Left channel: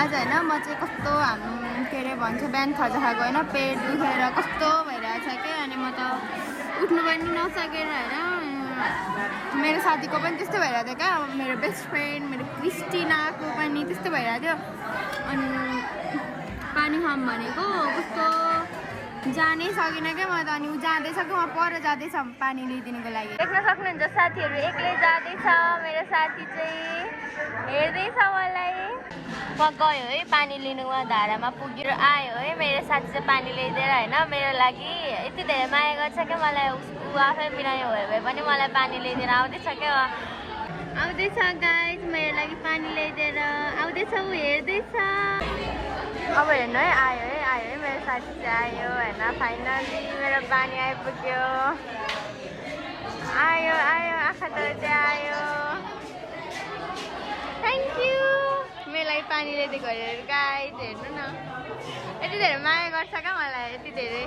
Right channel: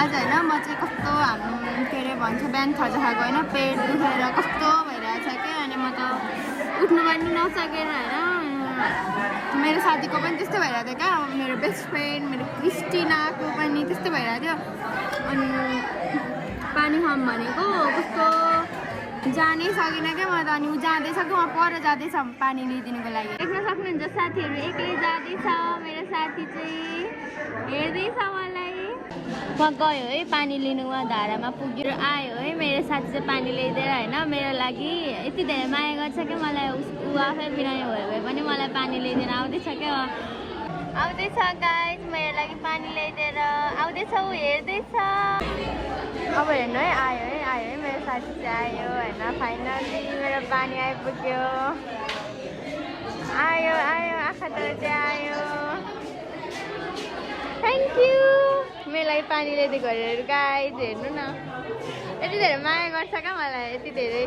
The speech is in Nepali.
आज होइन म चाहिँ कस्तो के अरे भन्छ बिहान खाजा खाएको होइन पेट दुखेर कस्तो भइरहेछ क्या अनि म त उठ्नु पनि नसकेर होइन मेरो साथीको पनि त्यस्तो भइरहेको थियो क्या मेरो बेस्ट फ्रेन्ड मेरो क्रिस्टिनाको पनि त्यस्तो भइरहेको थियो अनि पानी खाऊँ भनेको कस्तो जानै सकिनँ क्या म त अनि ऊ जाँदैछ कि म पर जाँदैछ पानी लिइदिनुको लागि देख्न सक्नुहुन्छ साथीहरू एक्लै जाँदैछ मेरो साथी चाहिँ हेर्दैछ मलाई म गयो है पानी लिनु उहाँ धारामा पुगेर आयो है मेरो साथी चाहिँ पानी ल्याइदिएर होइन मेरो लागि यति धेरै माया गर्छ क्या मलाई ऊ आफै बिरामी भयो भने पनि मलाई पानी ल्याइदिएर आउँदैछ क्या आउँदैछ गाइस मेरो लागि पानी ल्याइदिएर आउँदैछ ऊ हेर्दैछ अब हेर्नु है आयो है मेरो साथी चाहिँ आयो होइन फाइनली मेरो पानी आइपुग्यो आयो आँखा तर चाहिँ आयो थ्याङ्क यू मेरो लागि पानी ल्याइदिएको गाइस हेर्नु न यति धेरै माया गर्छ क्या मलाई यति धेरै